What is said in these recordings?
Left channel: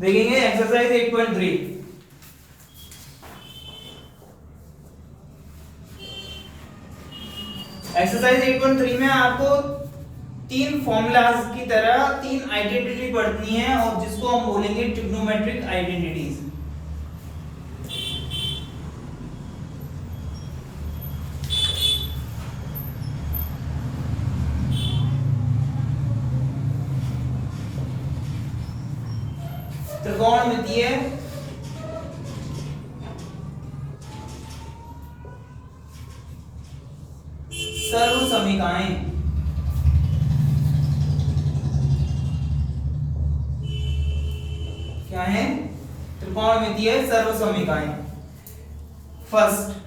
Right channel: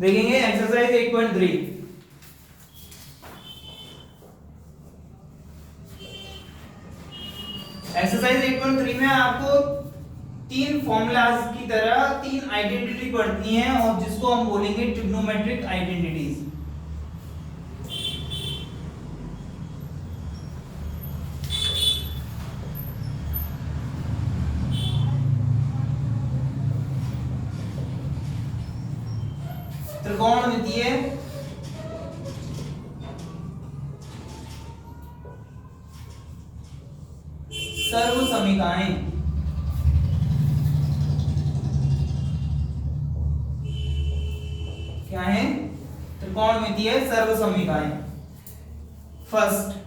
देखेंगे exercise 8.3। Exercise 8.3 में आपको तीन फॉर्मूलाज की तरह तीन आइडेंटिटी पढ़नी है और जिसको हम बोलेंगे ट्रिग्नोमेट्रिक आइडेंटिटीज। त्रिकोणमितीय सर्वसमीकाएं। क्या है? त्रिकोणमितीय सर्वसमीकाएं। First,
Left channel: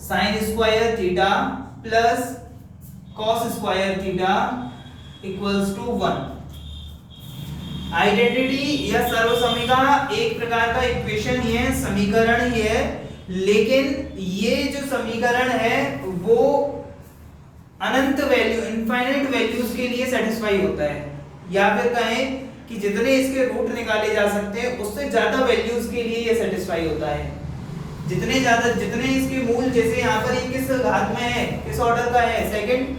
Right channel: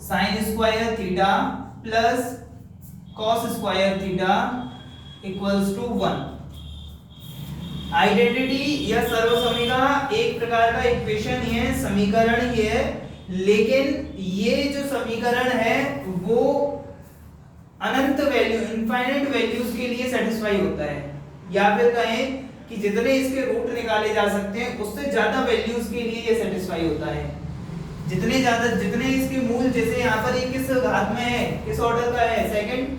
sine square theta plus cos square theta equals to 1। Identity या सर्वसमीका एक प्रकार का इक्वेशन ही है, समीकरण ही है, लेकिन ये जो समीकरण है वो अनंत वैल्यू, इनफाइनाइट वैल्यूज के लिए सेटिस्फाई होता है, या फिर कहें कि जितने इसके रूट निकाले जा सकते हैं उससे ज्यादा वैल्यूज के लिए ये सेटिस्फाई होता है। जितने ज्यादा, जितने इसके मूल, जैसे यहाँ पर ये किस घात में है, किस ऑर्डर का है, सेकंड,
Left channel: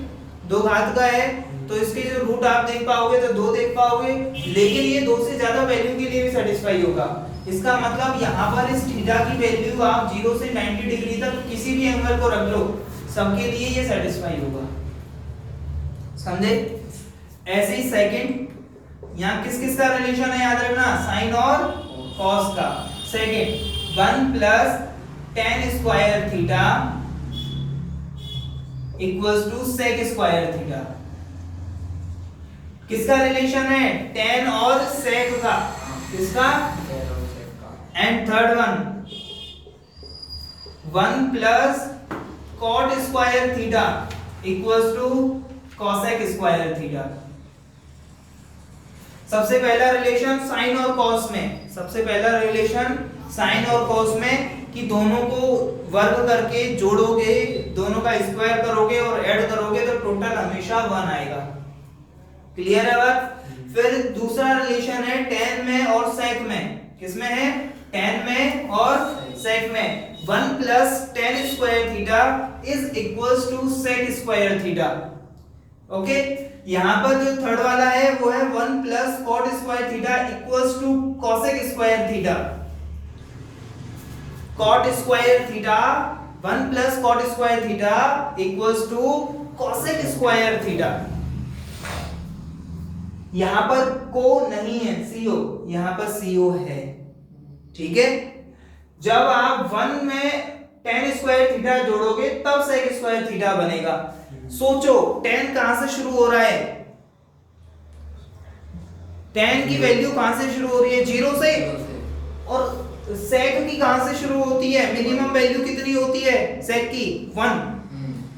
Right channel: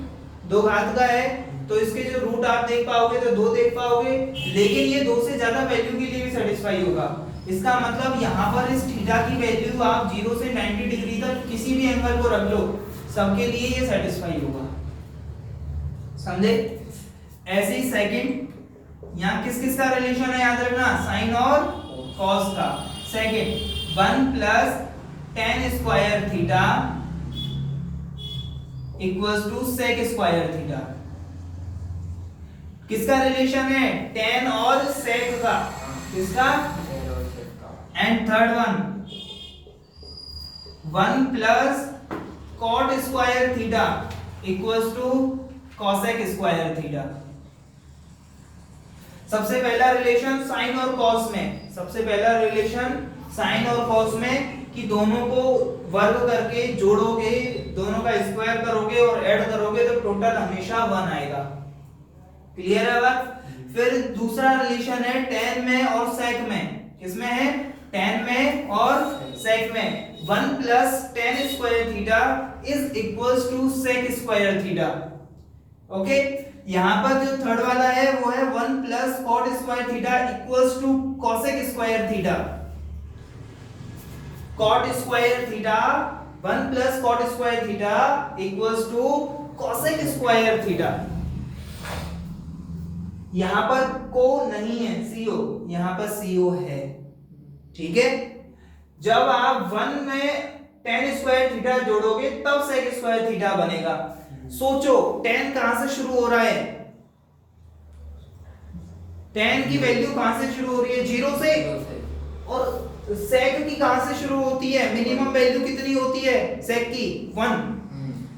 2 घात का है, तो इसके जो रूट आप देख पाओगे तो 2 देख पाओगे, लेकिन ये 2 से ज्यादा वैल्यू के लिए भी सेटिस्फाई होगा। इसका मतलब यहाँ पर इस थीटा की वैल्यू आप 0 से 90 डिग्री तक किसी भी एंगल को रख लो, सबके लिए ये सेटिस्फाई होगा। समझे? ऐसे ही सेकंड, यहाँ किस किस का रिलेशन है याद रखना, साइन और कॉस का। Second 1 plus tan square theta equals to sec square theta. किसका रिलेशन है? tan और sec का। किसका? And third one 1 plus cot square theta equals to cosec square theta. सबसे पहला रिलेशन साइन और कॉस में, सबसे पहला रिलेशन साइन और कॉस में कि दोनों को वर्ग करके जोड़ोगे, दोनों का स्क्वायर करोगे और ऐड करोगे तो टोटल हमेशा 1 आएगा। क्लियर है बात? फिर दूसरा रिलेशन है tan में और sec में। किसमें है? tan में और sec में। 1 plus tan square theta is equals to sec square theta. Okay, यहाँ पर जो थर्ड वाला है वो है 1 plus cot square theta equals to cosec square theta. cot square theta 1 plus cot square theta equals to cosec square theta. यहां पर को नहीं है, सीओ, यहां पर सीओ है। ठीक है, जब आप 1 में tan स्क्वायर थीटा जोड़ोगे तब sec स्क्वायर थीटा बनेगा। सोचो tan कहां से शुरू हो रहा है? tan की वैल्यू कहां से शुरू हो रही है? 0 से। और sec की कहां से शुरू होती है? मिनिमम वैल्यू कितनी होती है sec की? 1।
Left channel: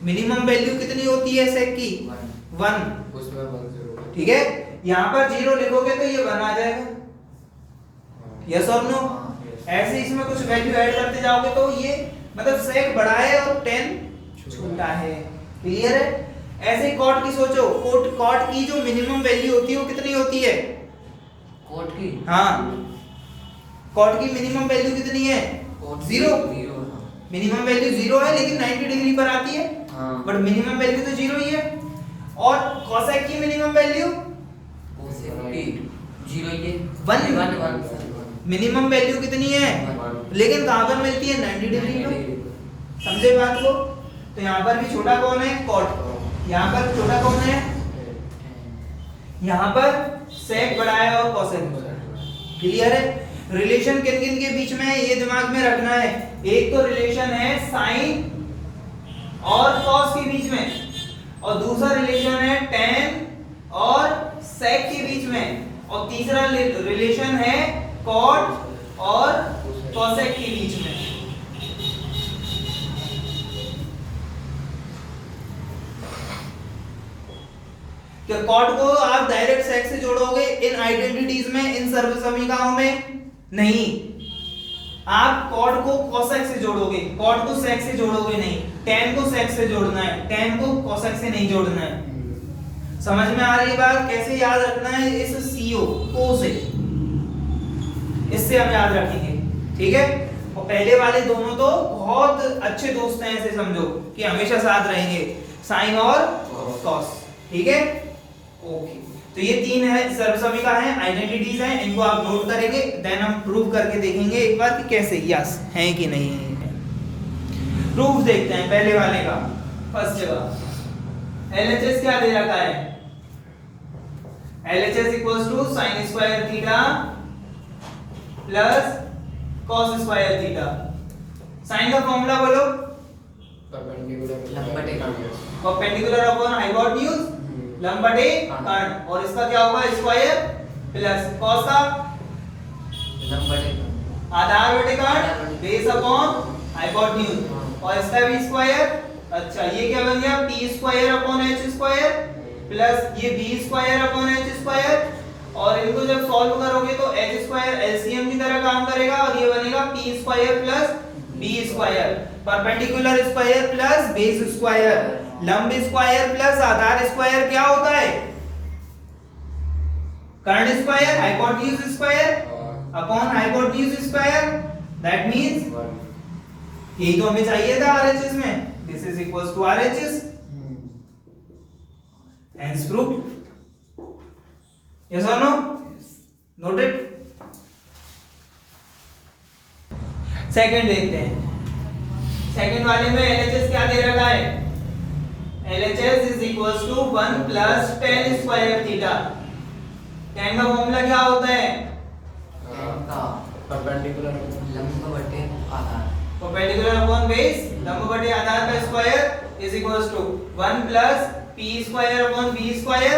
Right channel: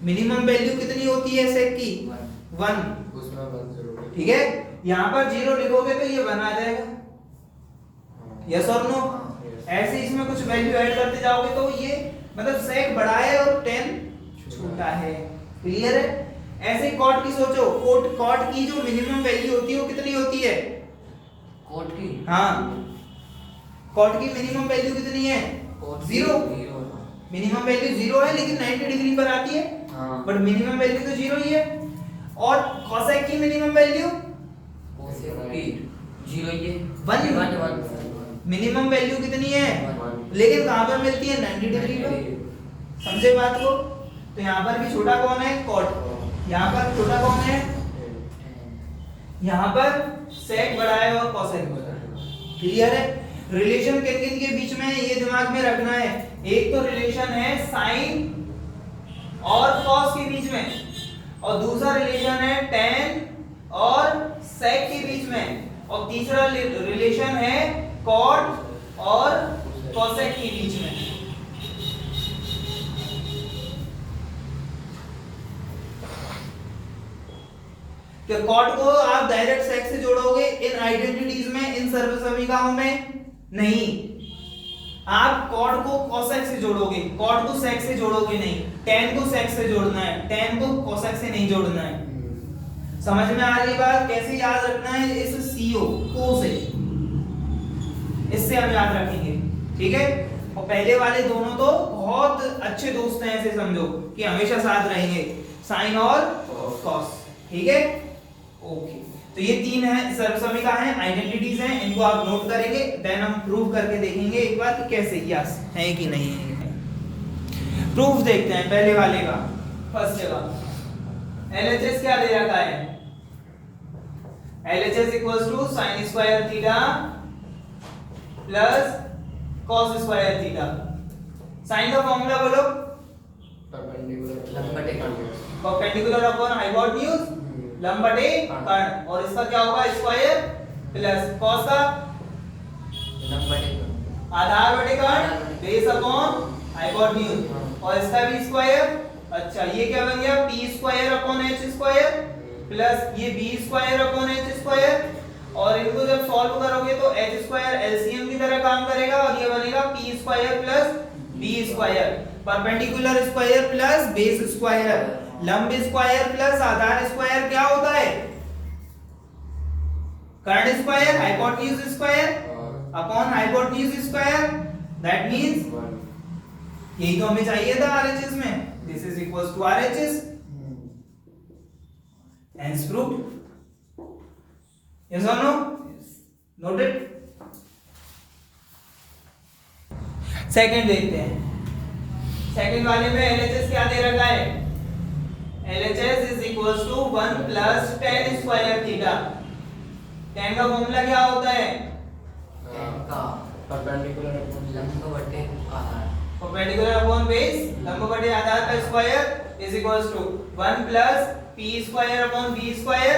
मिनिमम वैल्यू कितनी होती है sec की? 1। ठीक है, यहाँ पर 0 लिखोगे तो ये 1 आ जाएगा। यस और नो? ऐसे इसमें कुछ वैल्यू ऐड करते जाओगे तो ये मतलब sec बड़ा है और tan छोटा है। क्लियर है? ऐसे ही cot की सोचो, cot की जो मिनिमम वैल्यू होती है वो कितनी होती है? cot की? हाँ, cot की मिनिमम वैल्यू कितनी है? 0। मिनिमम वैल्यू 0 है लेकिन 90 डिग्री पर आती है, बट मिनिमम वैल्यू तो 0 ही है। और cosec की मिनिमम वैल्यू 1। मिनिमम वैल्यू कितनी है? लेकिन कहां पर मिलती है? 90 डिग्री पर। समझे बात को? तो यहाँ पर भी छोटा कौन है? cot। यहाँ पर छोटा कौन है? यहाँ पर sec बड़ा है और cosec बड़ा है। क्लियर है? रिलेशन किन किन के बीच में है ये दिमाग में रखना है। एक तो रिलेशन है साइन और cos के बीच में, और दूसरा रिलेशन है tan और sec के बीच में, और तीसरा रिलेशन है cot और cosec के बीच में। तो cot को आप डायरेक्ट sec से जोड़ोगे इन आइडेंटिटीज में, इन सर्वसमीकाओं में नहीं, आप cot को cosec से जोड़ोगे, cot को sec से जोड़ोगे नहीं। tan को sec से जोड़ना है, tan को cosec से नहीं जोड़ना है। समझ में आ रही बात? कैसे याद रखना है? इस CO को से, इससे हम याद रखेंगे, ठीक है। और पहले वाले दोनों तो बहुत अच्छे दोस्त हैं, ऐसे समझो कि हमेशा साथ रहेंगे, साइन और कॉस, ठीक है। ओके, तो ये तीन है सर्वसमिका है, आइडेंटिटीज हैं, इनको आप नोट करेंगे, देन हम प्रूव करके देखेंगे एक बार कि कैसे यस है कि नहीं है। प्रूफ देखते हैं पहले वाले का। फर्स्ट जगह LHS क्या दे रखा है? LHS equals to sine square theta plus cos square theta. Sine का फॉर्मूला बोलो। परपेंडिकुलर अपॉन हाइपोटेन्यूज लंब बटे कर्ण, और इसका क्या होगा? स्क्वायर प्लस कॉस का लंब बटे आधार बटे कर्ण बेस अपॉन हाइपोटेन्यूज, और इसका भी स्क्वायर। अच्छा, ये क्या बन गया? p square upon h square plus ये b square upon h square, और इनको जब सॉल्व करोगे तो h स्क्वायर एलसीएम की तरह काम करेगा, और ये बनेगा p square plus b square, perpendicular square plus base square, लंब स्क्वायर प्लस आधार स्क्वायर क्या होता है? कर्ण square, hypotenuse square upon hypotenuse square, that means यही तो हमें चाहिए था RHS में। This is equals to RHS, hence proved. Yes or no? Noted. Second देखते हैं। सेकंड वाले में LHS क्या दे रखा है? LHS is equals to 1 plus tan square theta. tan का फॉर्मूला क्या होता है? का परपेंडिकुलर लंब बटे आधार, परपेंडिकुलर अपॉन बेस लंब बटे आधार का square is equals to 1 plus p square upon b square.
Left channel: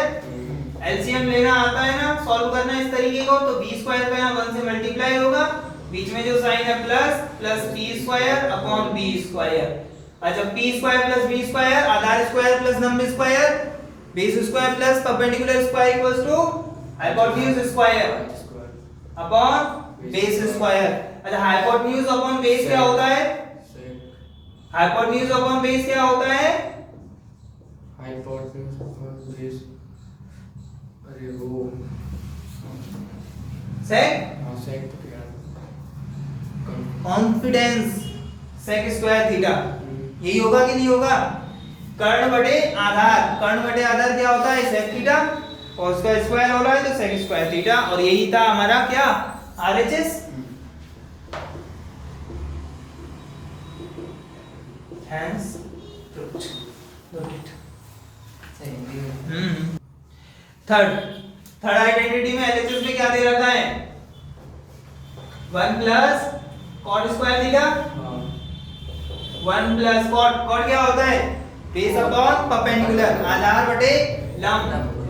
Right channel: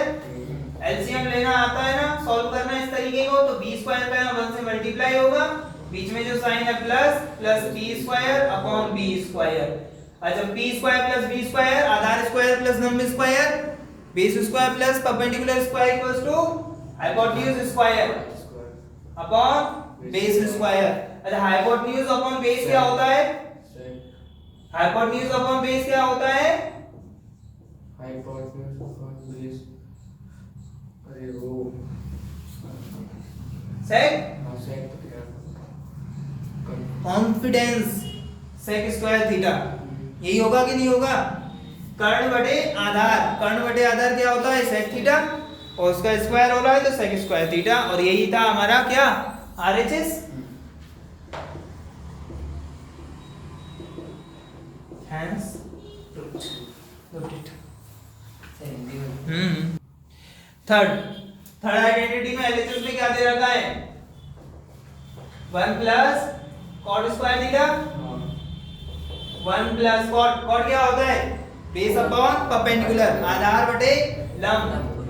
LCM लेना आता है ना, सॉल्व करना इस तरीके को, तो b स्क्वायर का यहाँ 1 से मल्टीप्लाई होगा, बीच में जो साइन है plus plus p square upon b square. अच्छा, p square plus b square, आधार स्क्वायर प्लस लंब square, base square plus perpendicular square equals to hypotenuse square upon base square. अच्छा, हाइपोटेन्यूज अपॉन बेस क्या होता है? Hypotenuse upon base क्या होता है? हाइपोटेन्यूज अपॉन बेस, अरे वो सेक सेक कॉन्फिडेंस सेक स्क्वायर थीटा, यही होगा कि नहीं होगा? कर्ण बटे आधार, कर्ण बटे आधार क्या होता है? सेक थीटा, और उसका स्क्वायर हो रहा है तो सेक स्क्वायर थीटा, और यही था हमारा क्या? RHS। hence proved. Noted. Third identity में LHS में क्या दे रखा है? 1 plus cot square theta, 1 plus cot क्या होता है? बेस अपॉन परपेंडिकुलर, आधार बटे लंब,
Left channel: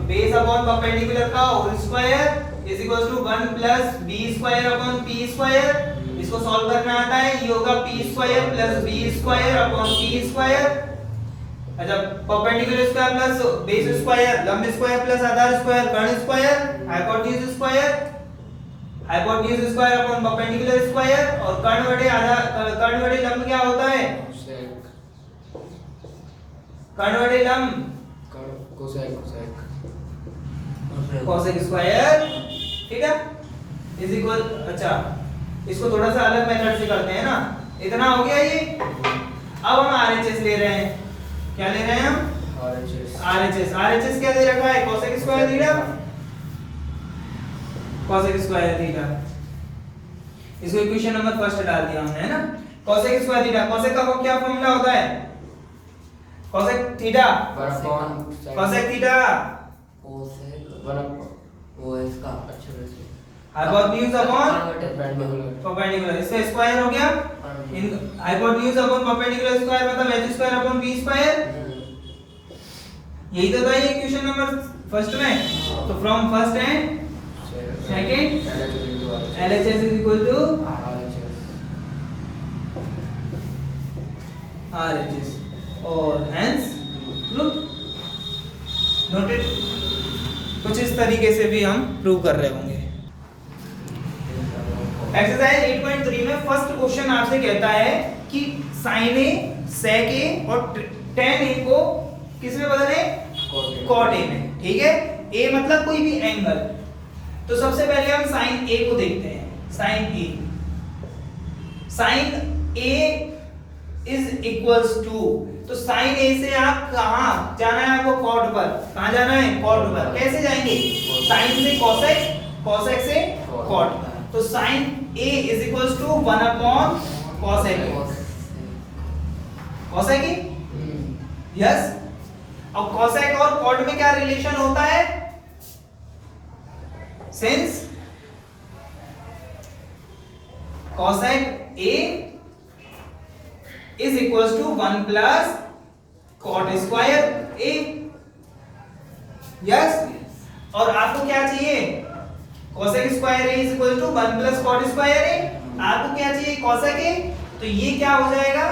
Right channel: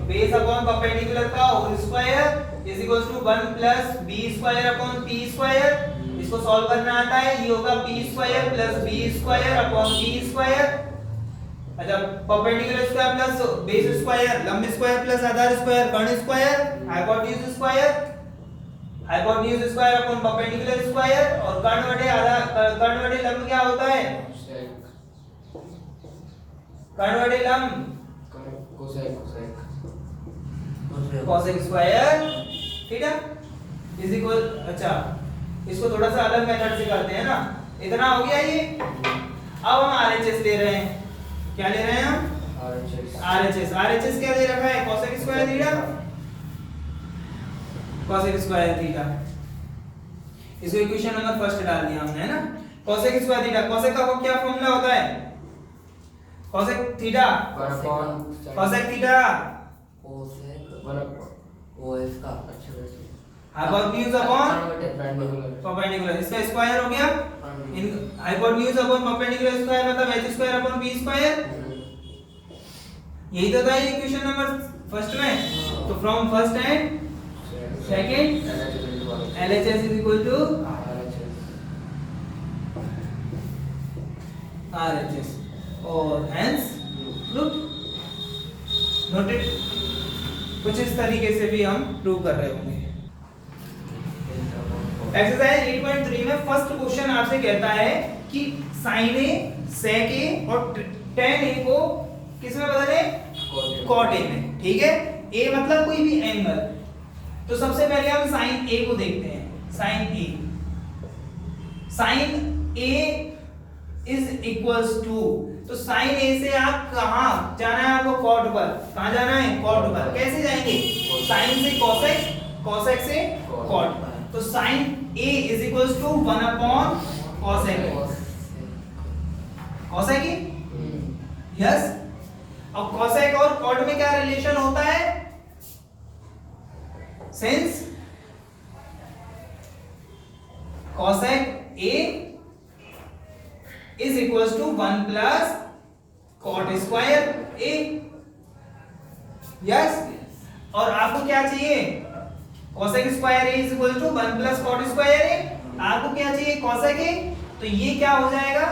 बेस अपॉन परपेंडिकुलर का whole square is equals to 1 plus b square upon p square. इसको सॉल्व करना आता है, ये होगा p square plus b square upon p square. अच्छा, perpendicular square plus base square, लंब स्क्वायर प्लस आधार स्क्वायर, कर्ण square, hypotenuse square, hypotenuse square upon perpendicular square, और कर्ण बटे आधार, कर्ण बटे लंब क्या होता है? कर्ण बटे लंब cosec square theta is equal. अच्छा, इसको थोड़ा सा अलग मेथड से करते हैं ना, इतना हो गया ये। अब हम RHS ले रहे हैं, क्या ले रहे हैं हम? RHS क्या दे रखा है? Cosec square theta, cosec square theta. इसको इक्वेशन नंबर फर्स्ट डाल दिया हमने, है ना? कोसेक स्क्वायर थीटा, कोसेक का क्या फॉर्मूला होता है? Cosec theta, cosec theta hypotenuse upon perpendicular, इसका स्क्वायर हो गया, इन हाइपोटेन्यूज अपॉन परपेंडिकुलर स्क्वायर मतलब h square upon b square. यही तो था ये इक्वेशन नंबर फर्स्ट में। तो from first and second LHS is equal to RHS, और hence proved. Noted. कुछ इस तरीके से भी हम प्रूव कर रहे होंगे। एक्सरसाइज 8.3 में फर्स्ट क्वेश्चन आपसे कहता है कि sin A, sec A और tan A को किस में बदले? cot A में, ठीक है, ए मतलब कोई भी एंगल। तो सबसे पहले हम साइन ए को देखते हैं। Sine A, sine A is equals to, तो साइन ए से आप कहां जाना है आपको? कॉट पर। कहां जाना है? कॉट पर। कैसे जाएंगे? साइन से कोसेक, कोसेक से कॉट। तो sine A is equals to 1 upon cosec A. Cosec A, yes. अब कोसेक और कॉट में क्या रिलेशन होता है? Since cosec A is equals to 1 plus cot square A, yes. और आपको क्या चाहिए? Cosec square A is equal to 1 plus cot square A. आपको क्या चाहिए? Cosec A. तो ये क्या हो जाएगा?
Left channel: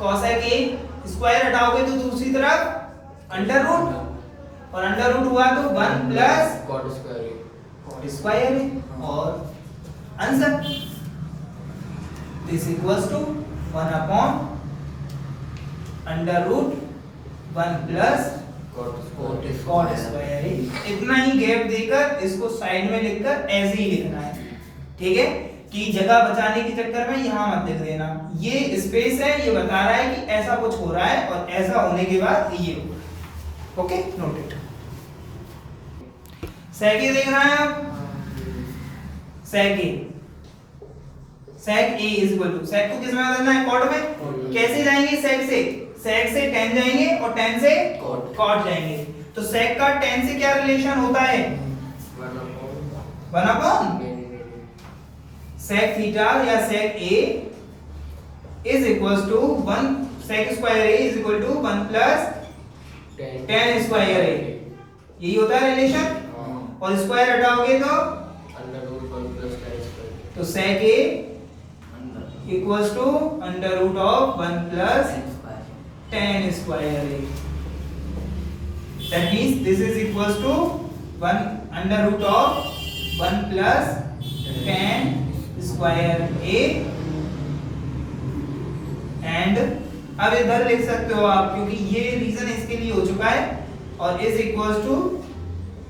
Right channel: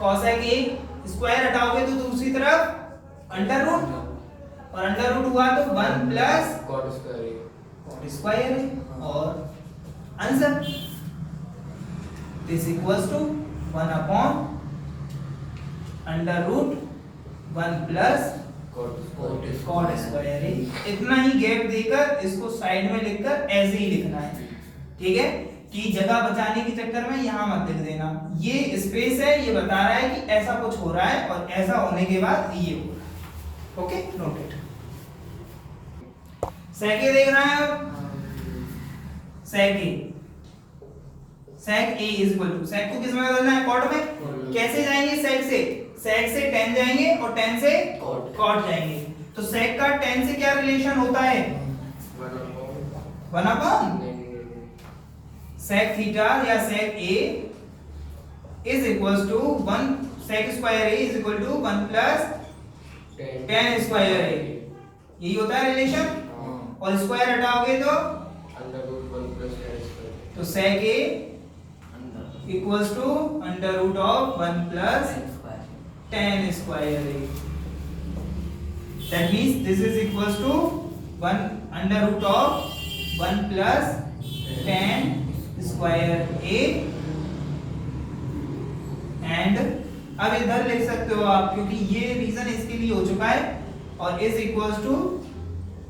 कोसेक ए स्क्वायर हटाओगे तो दूसरी तरफ अंडर रूट, और अंडर रूट हुआ तो 1 plus cot square A, cot square A. और answer this equals to 1 upon under root 1 plus cot square A. इतना ही गैप देकर इसको साइड में लिखकर ऐसे ही लिखना है, ठीक है, कि जगह बचाने के चक्कर में यहां मत लिख देना। ये स्पेस है, ये बता रहा है कि ऐसा कुछ हो रहा है और ऐसा होने के बाद ये हो। Okay, noted. सेक ए देख रहे हैं आप? सेक ए, सेक ए इज इक्वल टू, सेक को किस में बदलना है? कॉट में। कैसे जाएंगे सेक से? सेक से tan जाएंगे और tan से कॉट जाएंगे। तो सेक का tan से क्या रिलेशन होता है? 1 अपॉन सेक थीटा या sec A is equals to 1, sec square A is equal to 1 plus tan square A. यही होता है रिलेशन। और स्क्वायर हटाओगे तो under root 1 plus tan square. तो sec A equals to under root of 1 plus tan square a. That means this is equals to 1 under root of 1 plus tan square a. And अब इधर लिख सकते हो आप, क्योंकि ये रीजन इसके लिए हो चुका है। और is equals to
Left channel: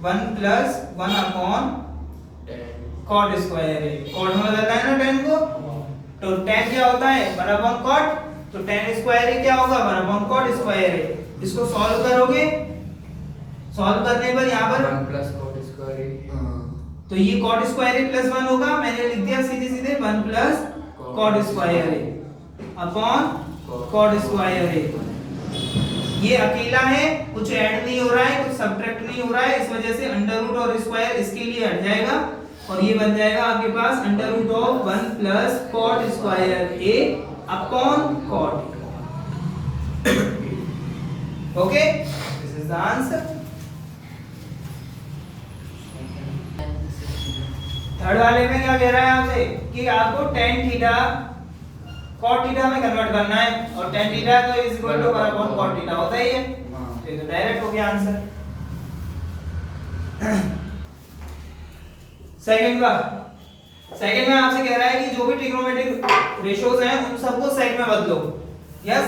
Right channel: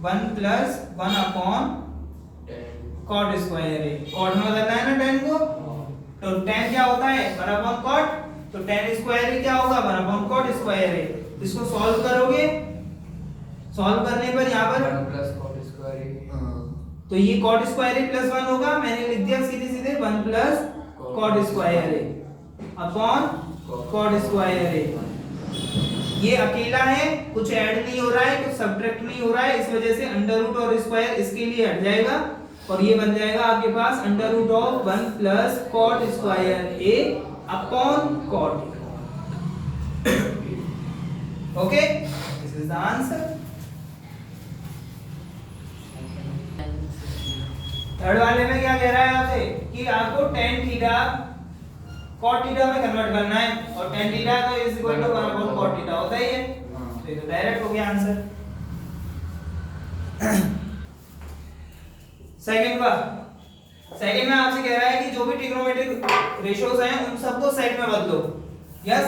1 plus 1 upon cot square a. cot में बदलना है ना tan को, तो tan क्या होता है? 1 upon cot। तो tan स्क्वायर ए क्या होगा? 1 अपॉन कॉट स्क्वायर ए। इसको सॉल्व करोगे, सॉल्व करने पर यहाँ पर 1 प्लस कॉट स्क्वायर ए, तो ये कॉट स्क्वायर ए प्लस 1 होगा। मैंने लिख दिया सीधे सीधे 1 प्लस कॉट स्क्वायर ए अपॉन कॉट स्क्वायर ए। ये अकेला है, कुछ ऐड नहीं हो रहा है, कुछ सब्ट्रैक्ट नहीं हो रहा है, इस वजह से अंडर रूट और स्क्वायर इसके लिए हट जाएगा और ये बन जाएगा आपके पास under root of 1 plus cot square A upon cot। Okay, this is the answer। Third वाले में क्या कह रहा है आपसे कि आपको tan थीटा cot थीटा में कन्वर्ट करना है, और tan थीटा तो is equal to 1 upon cot थीटा होता ही है। तो ये तो डायरेक्ट हो गया आंसर। सेकंड में आपसे कह रहा है कि जो भी ट्रिग्नोमेट्रिक रेशियोज हैं उन सबको सेक में बदलो। यस,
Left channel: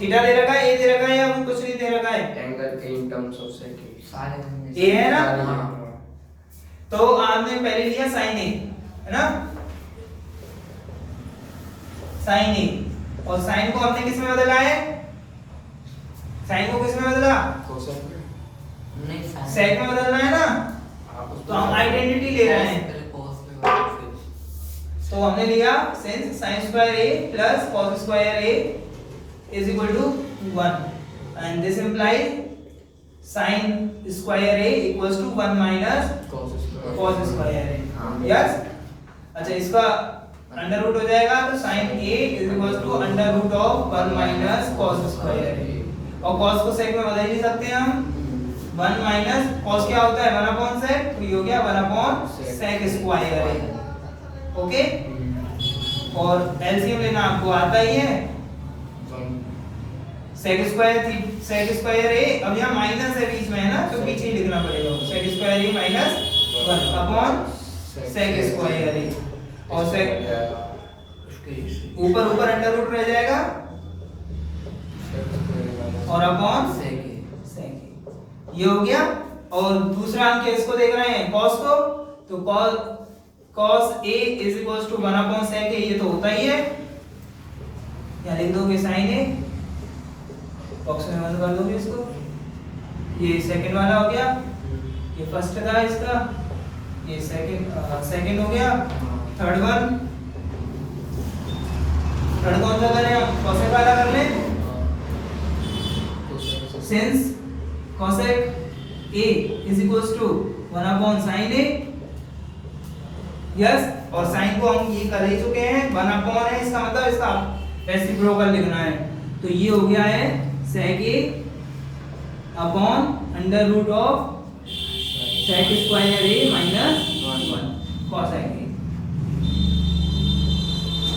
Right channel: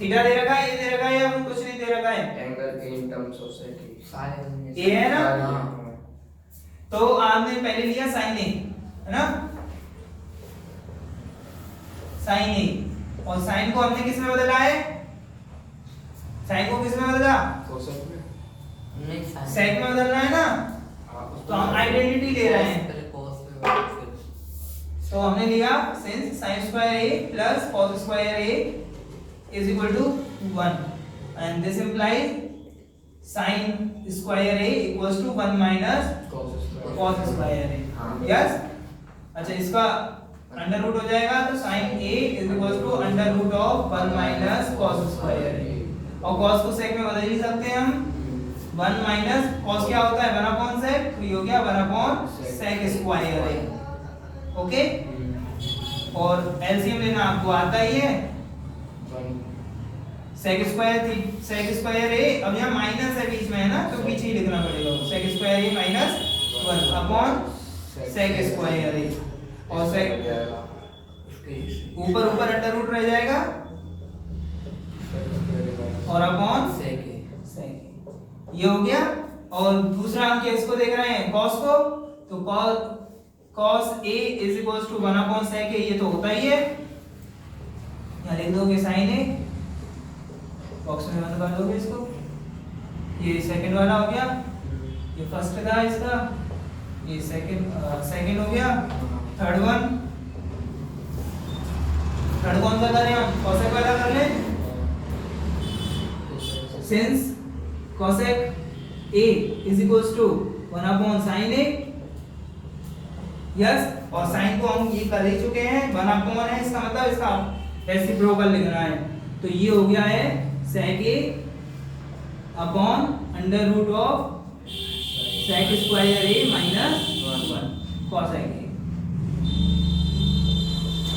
थीटा दे रखा है, ए दे रखा है, या कुछ नहीं दे रखा है? Angle A in terms of sec सारे ए है ना? हाँ। तो आपने पहले लिया साइन ए, है ना? साइन ए, और साइन को हमने किस में बदला है? साइन को किस में बदला? कोसेक में। नहीं, सेक में बदलना है ना? तो हम आइडेंटिटी ले रहे हैं। तो हमने लिया sin sin square a plus cos square a is equal to 1, and this implies sin square a equals to 1 minus cos square a। Yes, अच्छा, इसका अंडर रूट हो जाएगा तो sin a is equals to under root of 1 minus cos square a। और cos को sec में बदल ही सकते हैं हम। 1 minus cos क्या होता है? 1 upon sec, तो ये हो गया 1 upon sec square a। Okay, और एलसीएम लेना आपको आता ही है। सेक स्क्वायर ए, अब यहाँ माइनस है बीच में, है ना, तो पीछे ही लिखना पड़ेगा। सेक square A minus 1 upon sec square A, और सेक ऊपर ऊपर अंडर रूट रह जाएगा और अपॉन सेक, ये हो गया। और दूसरा हम किसको देख रहे हैं, cos को, तो cos A is equal to 1 upon sec A, ये तो होता ही है, यहाँ लिख दोगे sin A, बॉक्स में बंद कर दोगे इसको, ये सेकंड वाला हो गया, ये फर्स्ट था इसका, ये सेकंड हो गया, थर्ड कौन सा करें हम, cosec वाला कर लें, since cosec A is equals to 1 upon sin A, yes, और sin को हम ये कर ही चुके हैं, 1 अपॉन है, इसका मतलब इसका रेसिप्रोकल लिखना है, तो ये हो गया है sec A upon under root of sec square A minus 1 cosec A।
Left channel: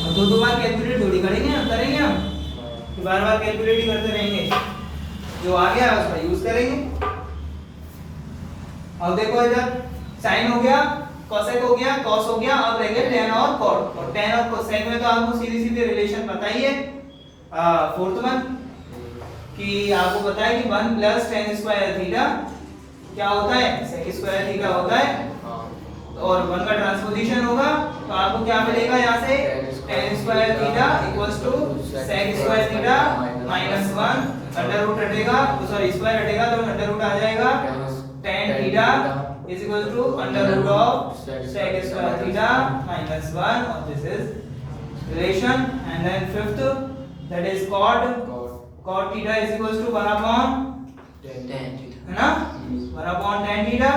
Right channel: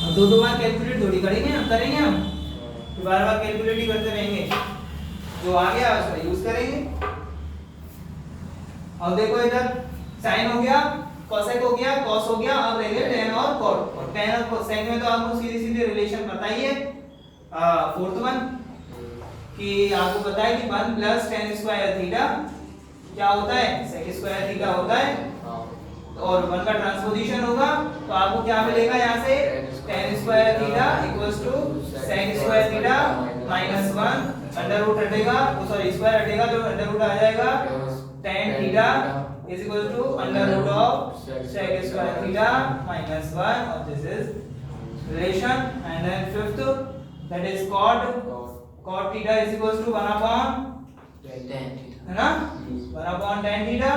अब दो बार कैलकुलेट थोड़ी करेंगे हम, तो बार कैलकुलेट ही करते रहेंगे, जो आ गया उसका यूज करेंगे। अब देखो इधर sin हो गया, cosec हो गया, cos हो गया, अब रहेंगे tan और cot, और tan और cosec में तो आपको सीधी रिलेशन पता ही है, फोर्थ वन कि आपको पता है कि 1 प्लस tan स्क्वायर थीटा क्या होता है, sec स्क्वायर थीटा होता है, और 1 का ट्रांसपोजिशन होगा, तो आपको क्या मिलेगा यहाँ से, tan square theta equals to sec square theta minus 1, under root हटेगा, सॉरी स्क्वायर हटेगा तो अंडर रूट आ जाएगा, tan थीटा is equal to under root of sec square theta minus 1, और this is relation, and then fifth that is cot theta is equal to 1 upon tan theta, है ना, 1 upon tan theta,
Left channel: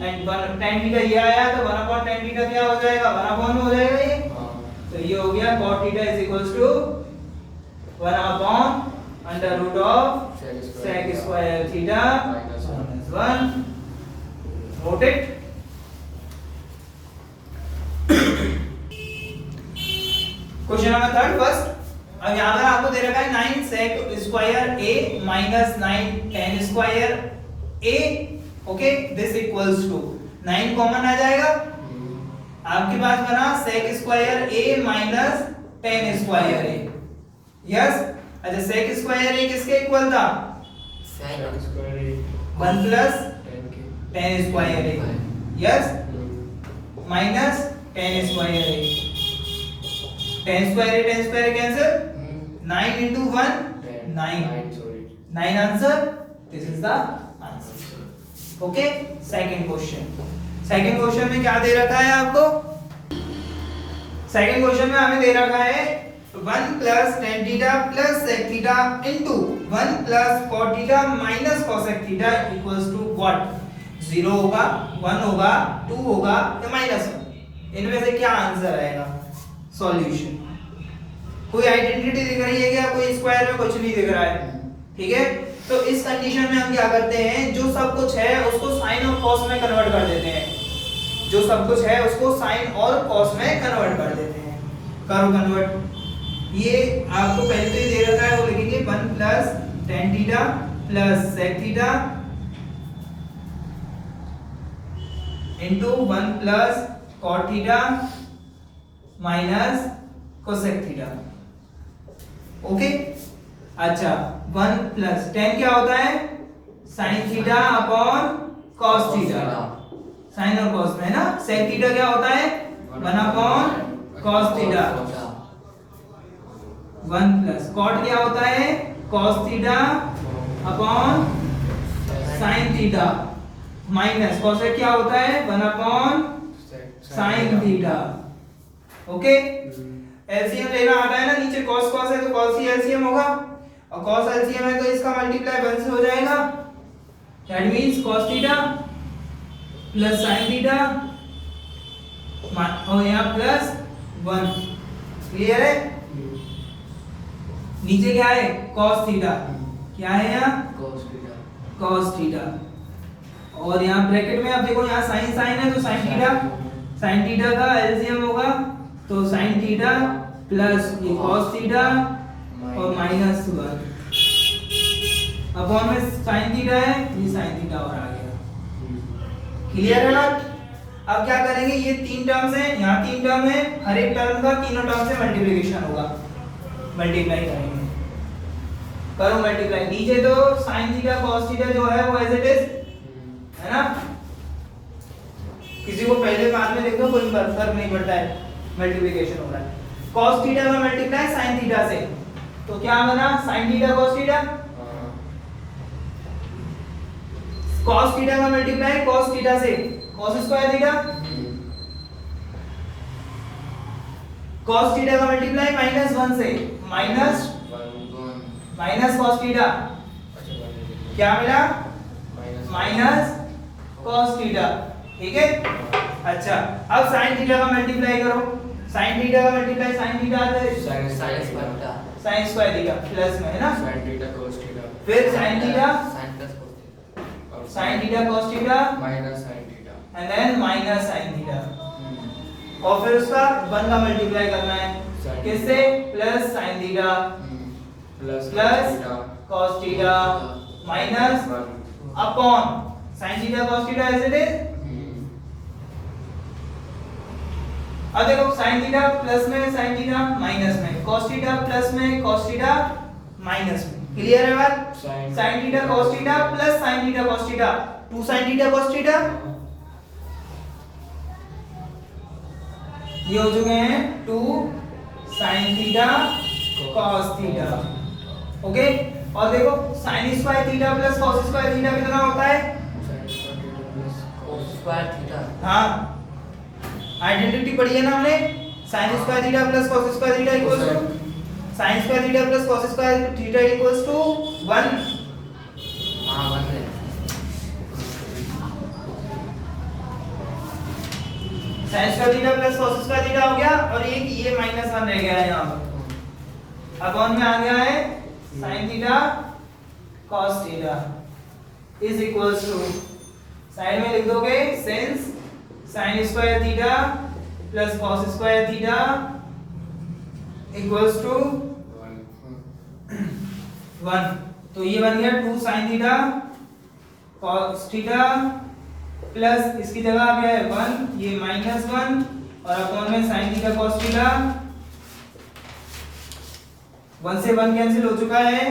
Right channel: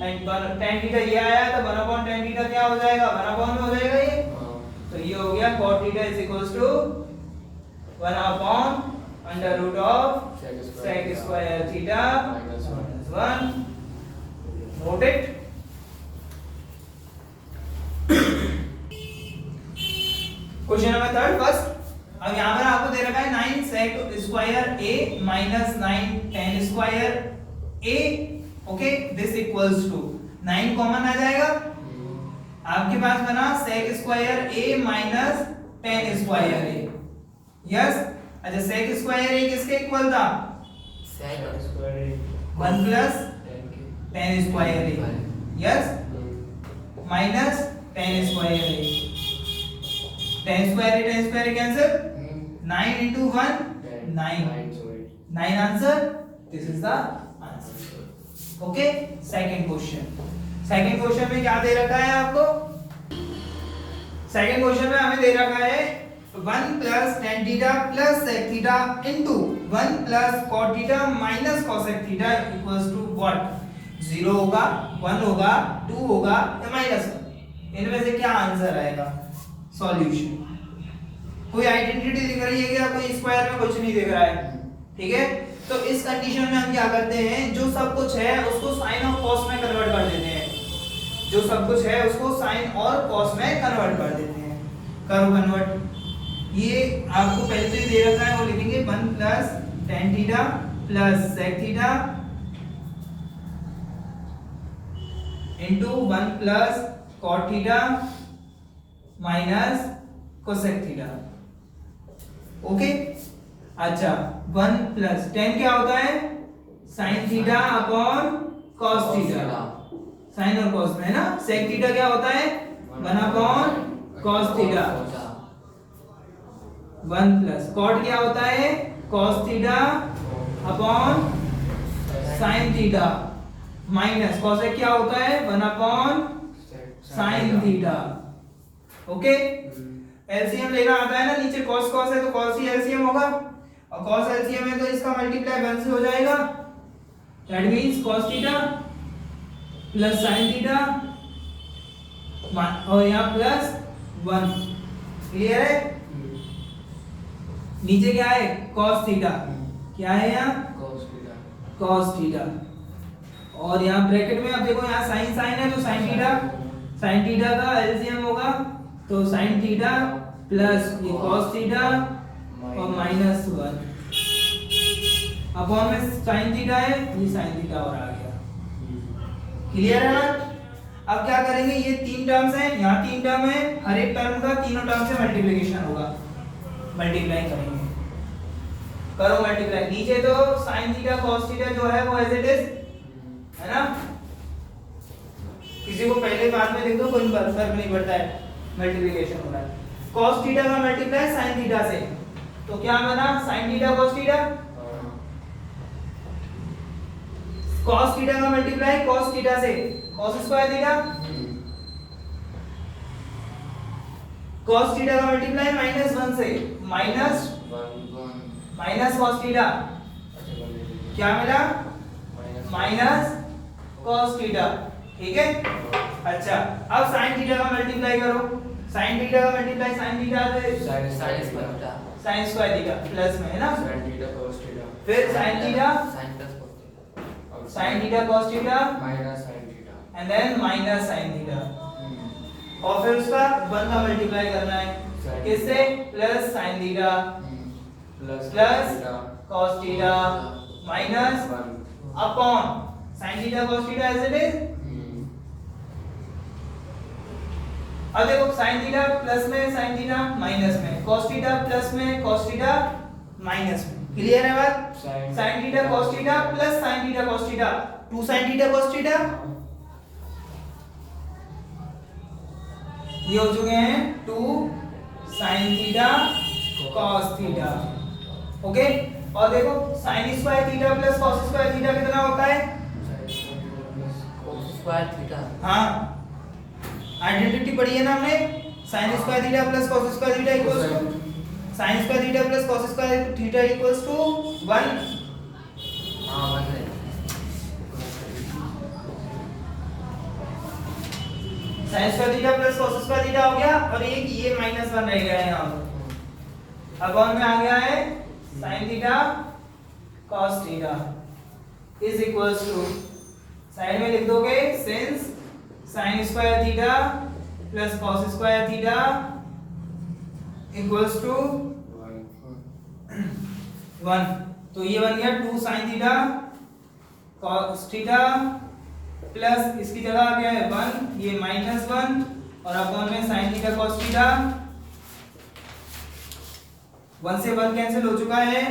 and tan theta ये आया तो 1 upon tan theta क्या हो जाएगा, 1 upon हो जाएगा ये, तो ये हो गया cot theta is equal to 1 upon under root of sec square theta minus 1, note it। Question number third first, अब यहाँ पर आपको दे रखा है 9 sec square A minus 9 tan square A, okay, this equals to 9 common आ जाएगा, आपके पास बना sec square A minus tan square A, yes, अच्छा sec स्क्वायर A किसके इक्वल था, sec square 1 plus tan square A, yes, minus tan square A, tan square cancel, 9 into 1 9 answer, this is the answer, okay. Second question में क्या दे रखा है आपको, second question में हमें दे रखा है 1 plus tan theta plus sec theta into 1 plus cot theta minus cosec theta equals to what, 0 होगा, 1 होगा, 2 होगा या माइनस 1, इनमें से क्या आंसर आएगा, सॉल्यूशन। कोई आइडेंटिटी दिख रही है क्या, कोई स्क्वायर में कुछ नहीं दिख रहा है, ठीक है, तो इस कंडीशन में हम क्या करते हैं, जो सब कुछ है उसको साइन और कॉस में कन्वर्ट कर देते हैं, जो सब कुछ है उसको साइन और कॉस में कन्वर्ट कर देते हैं, करो कन्वर्ट। ये आपको पहले तो ही दे रखा है, वो लिखेंगे 1 plus tan theta plus sec theta into 1 plus cot theta minus cosec theta, okay. अच्छा 1 प्लस tan क्या होता है, sin theta upon cos theta, sin और cos में है ना, sec थीटा क्या होता है 1 upon cos theta, 1 plus cot क्या होता है cos theta upon sin theta minus cosec क्या होता है 1 upon sin theta, okay. LCM लेना आता है ना, नीचे cos है तो cos ही एलसीएम होगा, और cos एलसीएम है तो इसका मल्टीप्लाई 1 से हो जाएगा, that means cos theta plus sin theta और यहाँ प्लस 1, क्लियर है। नीचे क्या है cos थीटा, क्या है यहाँ cos थीटा, और यहाँ ब्रैकेट में आप देखो यहाँ sin है तो sin थीटा का एलसीएम होगा तो sin थीटा प्लस ये cos थीटा और माइनस 1 अपॉन में sin थीटा है, ये sin थीटा और आ गया, क्लियर है ना। अब क्या करेंगे, ये 3 टर्म्स हैं, यहाँ 3 टर्म है, हर एक टर्म का तीनों टर्म से मल्टीप्लिकेशन होगा, मल्टीप्लाई करेंगे, करो मल्टीप्लाई। नीचे तो sin थीटा cos थीटा जो है वो एज इट इज है ना, किसी को पहले बाद में लिख दो, कोई फर्क नहीं पड़ता है, मल्टीप्लिकेशन हो रहा है। cos थीटा का मल्टीप्लाई sin थीटा से, तो क्या बना sin theta cos theta, cos theta का मल्टीप्लाई cos थीटा से cos square theta, cos theta का मल्टीप्लाई -1 से माइनस cos थीटा, क्या मिला माइनस cos थीटा, ठीक है। अच्छा अब sin थीटा का मल्टीप्लाई करो, sin थीटा का मल्टीप्लाई sin थीटा से sin स्क्वायर थीटा प्लस में है ना, फिर sin theta sin theta cos theta and then minus sin theta, और फिर उसका 1 का मल्टीप्लाई करना है किससे, plus sin theta plus cos theta minus upon sin theta cos theta as it is. अब देखो sin थीटा प्लस में sin थीटा माइनस में, cos थीटा प्लस में cos थीटा माइनस में, क्लियर है बात। sin theta cos theta plus sin theta cos theta 2 sin theta cos theta, ये हो चुके हैं 2 sin theta cos theta, okay. और देखो sin square theta plus cos square theta कितना होता है, हाँ आइडेंटिटी पढ़ी है ना हमने, sin square theta plus cos square theta equals to sin square theta plus cos square theta equals to 1। हाँ 1 है। sin square theta plus cos square theta हो गया, और एक ये -1 रह गया है यहाँ पर, अब ऑन में आ गया है sin theta cos theta is equals to, side में लिख दोगे since sin square theta plus cos square theta equals to 1, तो ये बन गया 2 sin theta cos theta plus इसकी जगह आ गया है 1, ये -1 और अपॉन में sin थीटा cos थीटा, 1 से 1 कैंसिल हो चुका है,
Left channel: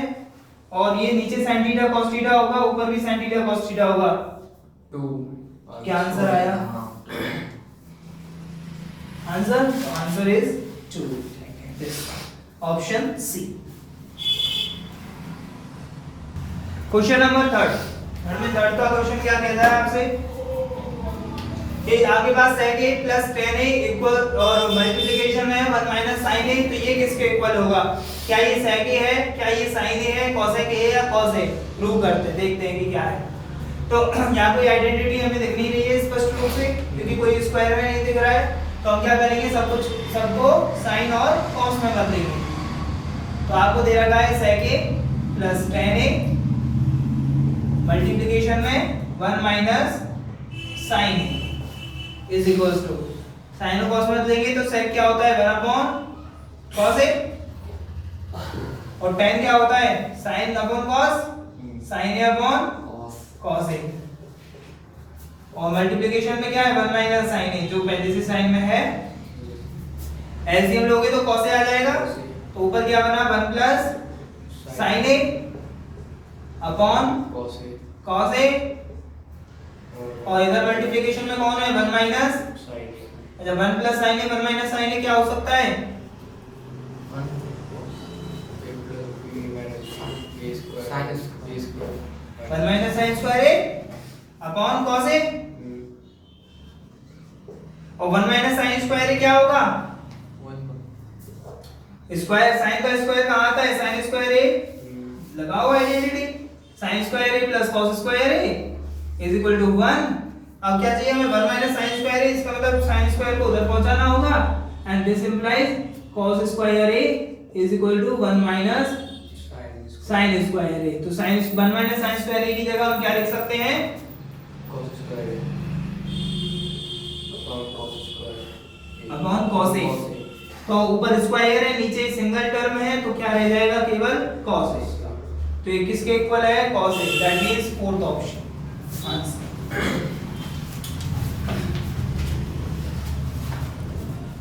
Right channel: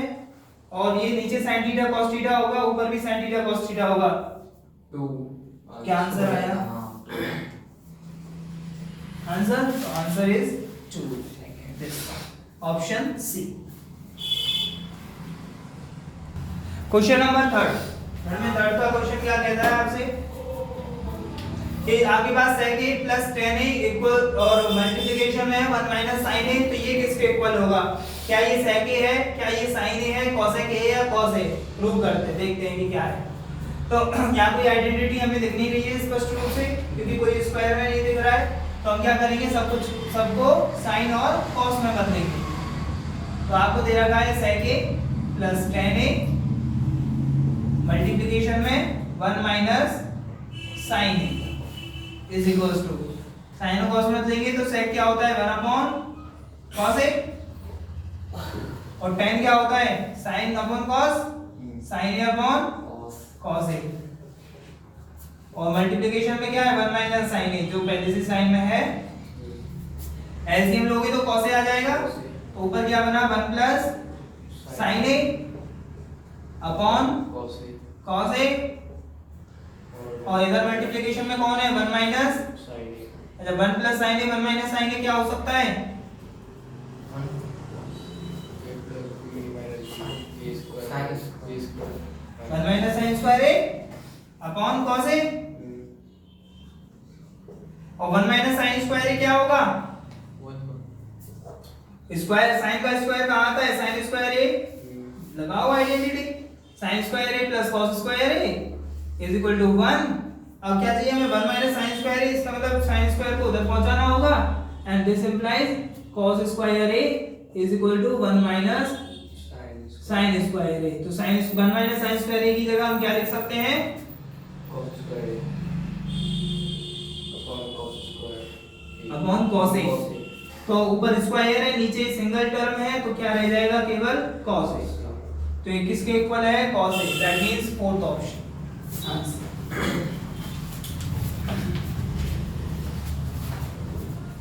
और ये नीचे sin थीटा cos थीटा होगा, ऊपर भी sin थीटा cos थीटा होगा, 2 क्या आंसर आया, आंसर, तो answer is 2, this option C. Question number 3 में थर्ड का क्वेश्चन क्या कहता है आपसे कि आपके पास sec a plus tan a equal और मल्टीप्लिकेशन है 1 माइनस sin a, तो ये किसके इक्वल होगा, क्या ये sec a है, क्या ये sin a है, cosec a या cos a, प्रूव करते हैं, देखते हैं कि क्या है। तो यहाँ कोई आइडेंटिटी हमें दिख नहीं रही है स्पष्ट रूप से, क्योंकि कोई स्क्वायर में नहीं दिख रहा है, तो हम क्या करेंगे, सबको sin और cos में कर देंगे। तो आपको दे रखा है sec a plus tan a multiplication में 1 minus sin a is equals to, sin और cos में लेंगे तो sec क्या होता है 1 अपॉन cos a, और tan क्या होता है sin upon cos, sin a upon cos a, और मल्टीप्लिकेशन में क्या है 1 माइनस sin a, जो पहले से साइन में है, एलसीएम लोगे तो cos a आ जाएगा, तो ऊपर क्या बना 1 plus sin a upon cos a, और इधर मल्टीप्लिकेशन में कौन है 1 माइनस, अच्छा 1 plus sin a 1 minus sin a क्या हो सकता है 1 minus sin square a upon cos a, और 1 माइनस sin स्क्वायर a क्या होगा, स्क्वायर sin का स्क्वायर कहाँ आता है, sin स्क्वायर a लगाओ identity, sin square a plus cos square a is equal to 1। अब क्या चाहिए हमें 1 माइनस sin स्क्वायर a, इसका मतलब sin स्क्वायर को उधर पहुंचाना होगा, and this implies cos square a is equal to 1 minus sin square a, तो sin 1 minus sin square a की जगह हम क्या लिख सकते हैं अपॉन cos a, तो ऊपर स्क्वायर है नीचे सिंगल टर्म है, तो क्या रह जाएगा केवल cos a, तो ये किसके इक्वल है cos a, that means fourth option answer.